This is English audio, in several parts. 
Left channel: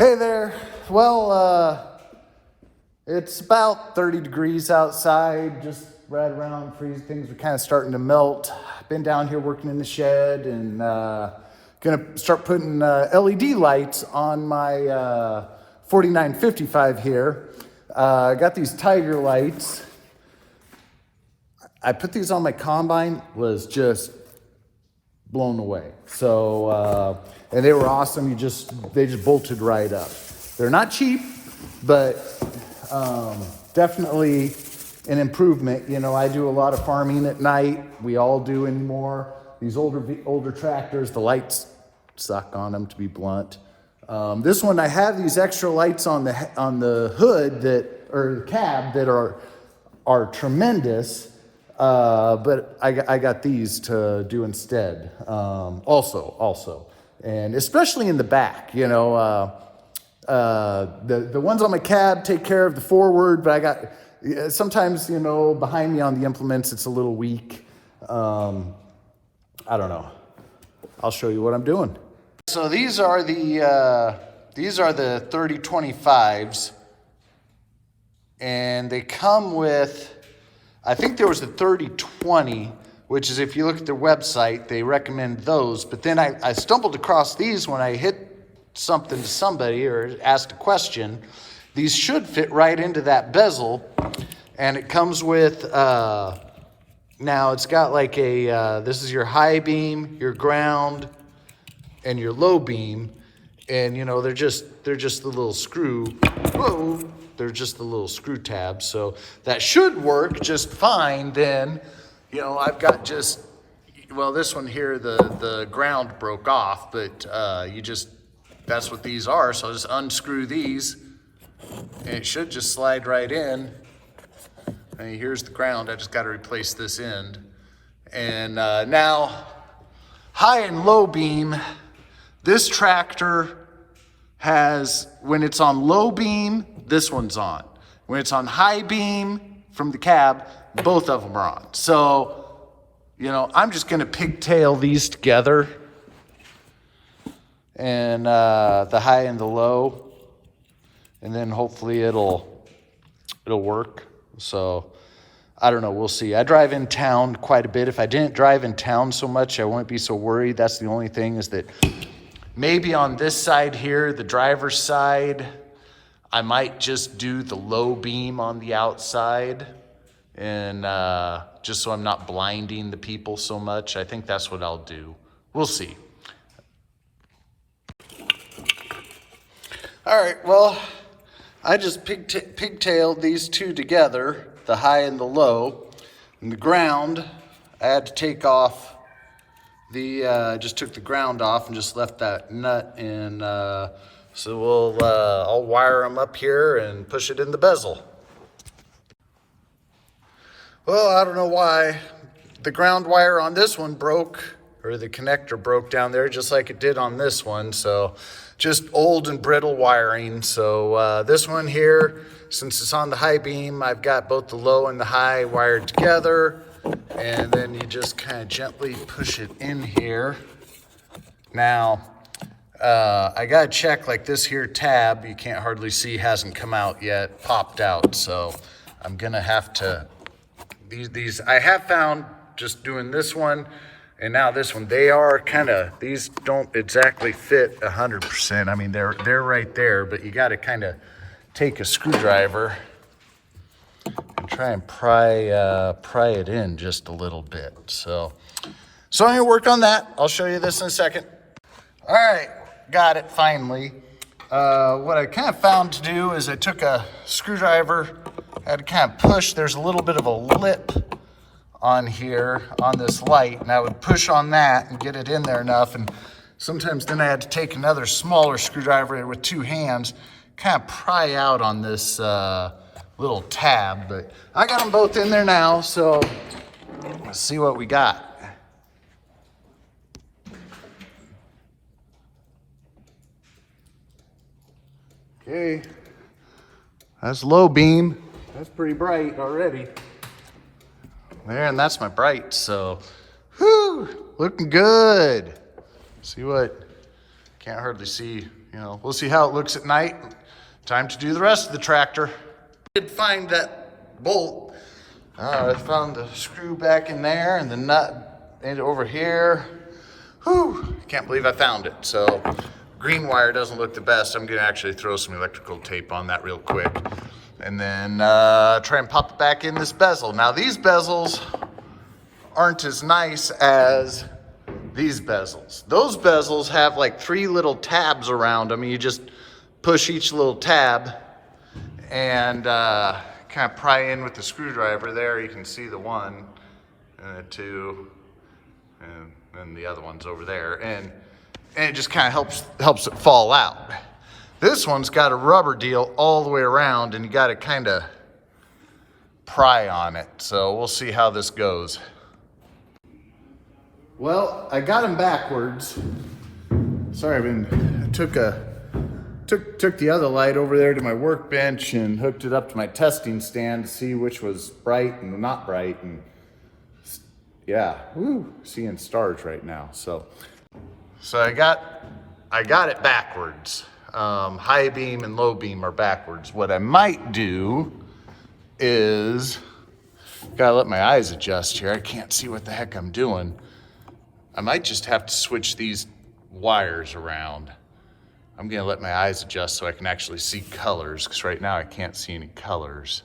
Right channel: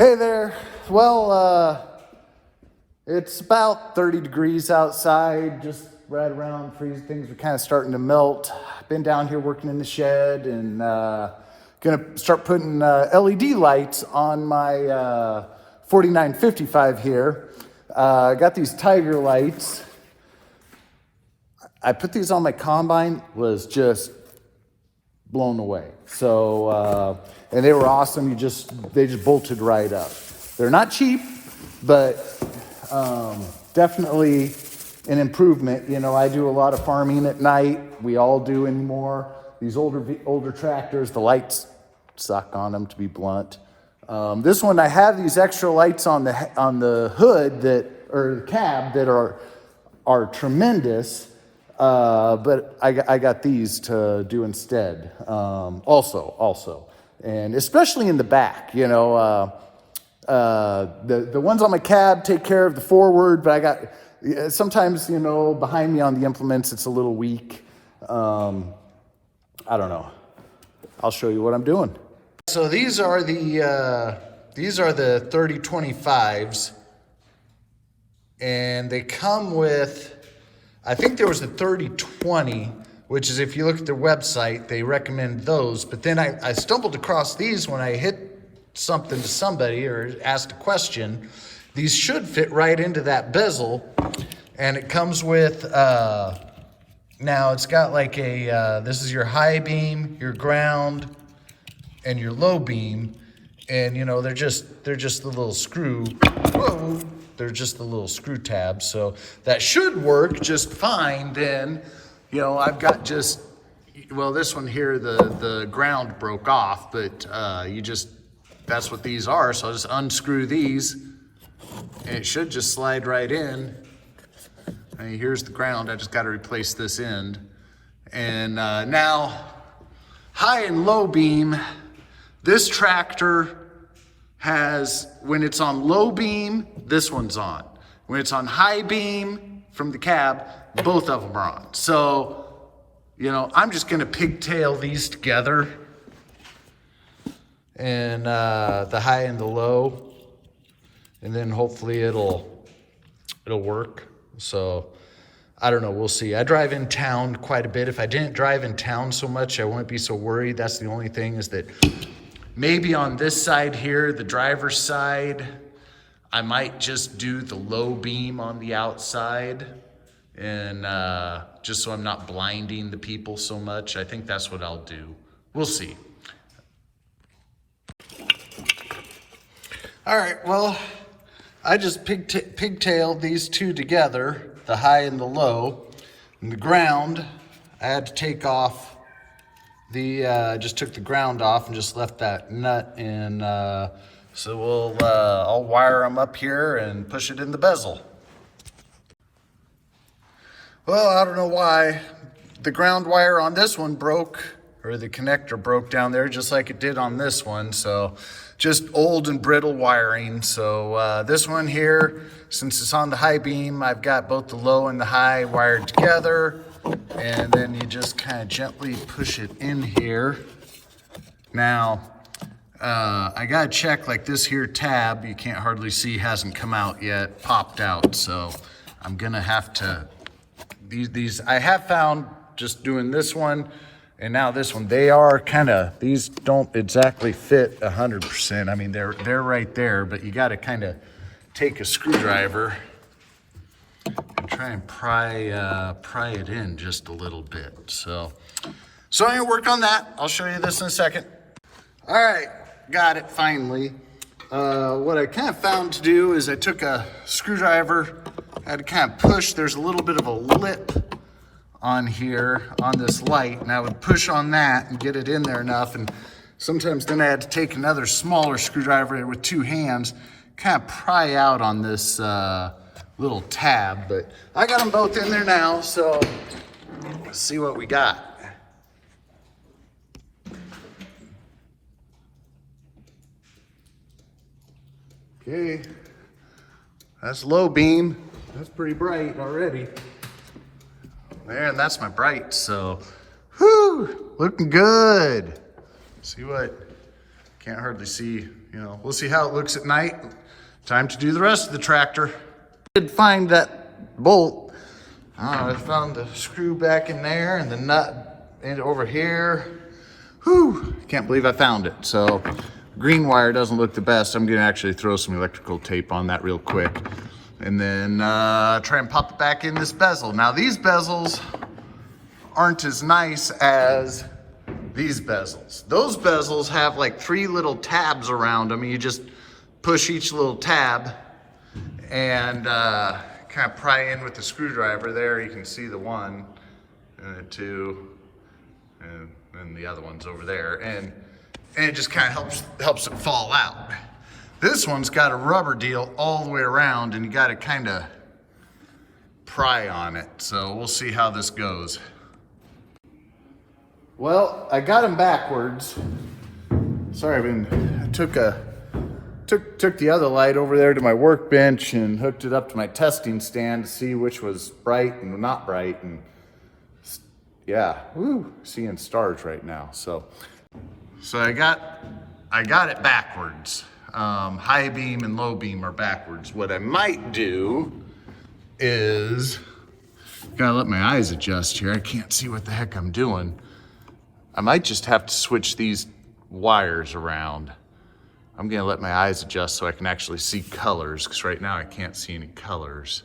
Hey there. Well, it's about 30 degrees outside, just right around freezing. Things are kind of starting to melt. Been down here working in the shed and gonna start putting LED lights on my 4955 here. I got these Tiger lights. I put these on my combine, was just blown away. So, and they were awesome. They just bolted right up. They're not cheap, but definitely an improvement. You know, I do a lot of farming at night. We all do anymore. These older tractors, the lights suck on them, to be blunt. This one, I have these extra lights on the hood or the cab that are tremendous. But I got these to do instead. Also, and especially in the back, you know, the ones on my cab take care of the forward, but I got sometimes, you know, behind me on the implements, it's a little weak. I don't know. I'll show you what I'm doing. So these are the 3025s, and they come with, I think there was a 3020, which is, if you look at their website, they recommend those. But then I stumbled across these when I hit something to somebody or asked a question. These should fit right into that bezel. And it comes with, now it's got like this is your high beam, your ground, and your low beam. And you know, they're just the little screw. Whoa. They're just the little screw tabs, so that should work just fine. Then, you know, I've got just, well, this one here, the ground broke off, but that's what these are. So I'll just unscrew these, and it should just slide right in. And here's the ground. I just got to replace this end. And now, high and low beam, this tractor has, when it's on low beam, this one's on. When it's on high beam from the cab, both of them are on. So, you know, I'm just gonna pigtail these together, and the high and the low, and then hopefully it'll work. So I don't know, we'll see. I drive in town quite a bit. If I didn't drive in town so much, I wouldn't be so worried. That's the only thing, is that maybe on this side here, the driver's side, I might just do the low beam on the outside, and just so I'm not blinding the people so much. I think that's what I'll do. We'll see. All right, well, I just pigtailed these two together, the high and the low. And the ground, I had to take off I just took the ground off and just left that nut in. So I'll wire them up here and push it in the bezel. Well, I don't know why the ground wire on this one broke, or the connector broke down there just like it did on this one. So just old and brittle wiring. So this one here, since it's on the high beam, I've got both the low and the high wired together. And then you just kind of gently push it in here. Now, I gotta check, like this here tab, you can't hardly see, hasn't come out yet, popped out. So I'm gonna have to, these I have found just doing this one and now this one, they are kind of, these don't exactly fit 100%. I mean, they're right there, but you gotta kind of take a screwdriver and try and pry it in just a little bit. So I'm gonna work on that. I'll show you this in a second. All right, got it finally. What I kind of found to do is I took a screwdriver, I had to kind of push. There's a little bit of a lip on here on this light, and I would push on that and get it in there enough. And sometimes then I had to take another smaller screwdriver with two hands, kind of pry out on this little tab. But I got them both in there now, so let's see what we got. Okay, that's low beam. That's pretty bright already. Man, that's my bright, so whew, looking good. See what, can't hardly see we'll see how it looks at night. Time to do the rest of the tractor. I did find that bolt. I found the screw back in there and the nut over here. Whew, can't believe I found it. So green wire doesn't look the best. I'm gonna actually throw some electrical tape on that real quick. And then try and pop it back in this bezel. Now these bezels aren't as nice as these bezels. Those bezels have like 3 little tabs around them. You just push each little tab and kind of pry in with the screwdriver. There you can see the 1 and the 2 and the other one's over there. And it just kind of helps it fall out. This one's got a rubber deal all the way around and you got to kind of pry on it. So we'll see how this goes. Well, I got them backwards. Sorry, I took the other light over there to my workbench and hooked it up to my testing stand to see which was bright and not bright. And yeah, seeing stars right now. So I got it backwards. High beam and low beam are backwards. What I might do is, gotta let my eyes adjust here. I can't see what the heck I'm doing. I might just have to switch these wires around. I'm gonna let my eyes adjust so I can actually see colors, because right now I can't see any colors.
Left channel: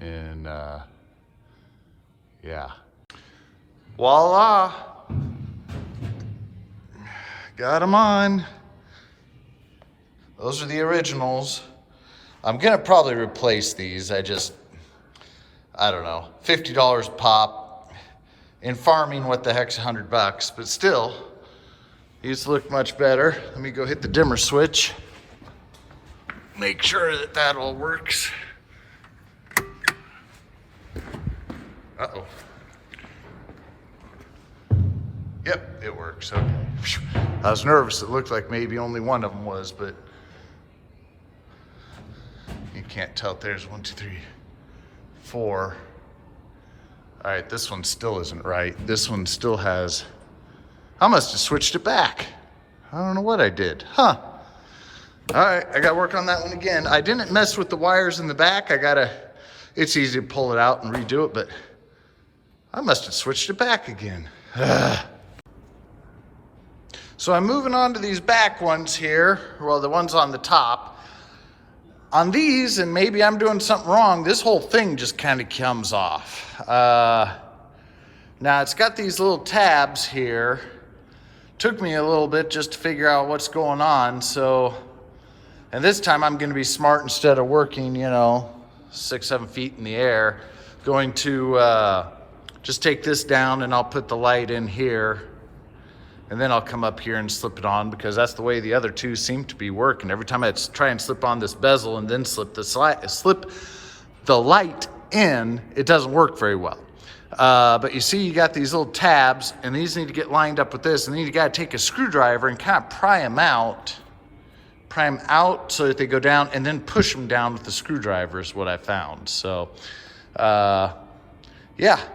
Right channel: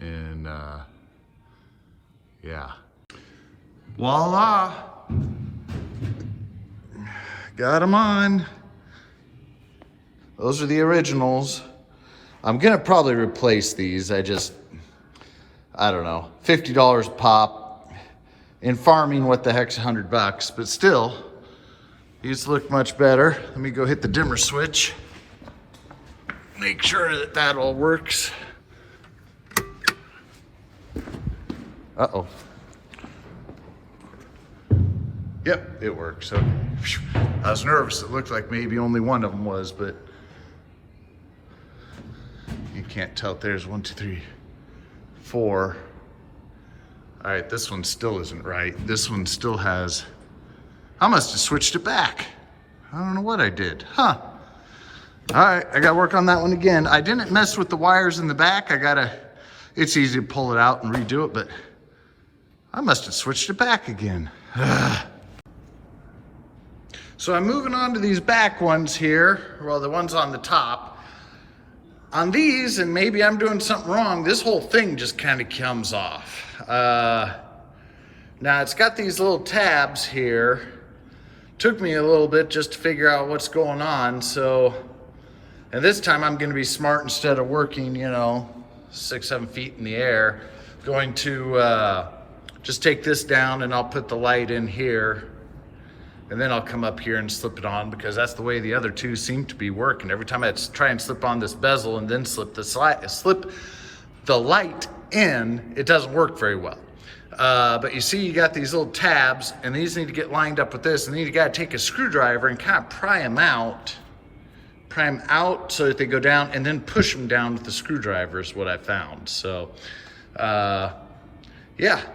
And yeah. Voila! Got them on. Those are the originals. I'm gonna probably replace these. I don't know, $50 a pop. In farming, what the heck's $100? But still, these look much better. Let me go hit the dimmer switch. Make sure that all works. Uh-oh. Yep, it works. Okay. I was nervous. It looked like maybe only one of them was, but you can't tell if there's 1, 2, 3, 4. All right, this one still isn't right. This one still has, I must have switched it back. I don't know what I did, huh? All right, I gotta work on that one again. I didn't mess with the wires in the back. It's easy to pull it out and redo it, but I must have switched it back again. So I'm moving on to these back ones here. Well, the ones on the top. On these, and maybe I'm doing something wrong, this whole thing just kind of comes off. Now it's got these little tabs here. Took me a little bit just to figure out what's going on. And this time I'm gonna be smart. Instead of working, 6, 7 feet in the air, going to just take this down and I'll put the light in here. And then I'll come up here and slip it on, because that's the way the other two seem to be working. Every time I try and slip on this bezel and then slip the light in, it doesn't work very well. But you see, you got these little tabs, and these need to get lined up with this, and then you gotta take a screwdriver and kind of pry them out so that they go down, and then push them down with the screwdriver is what I found. So, yeah.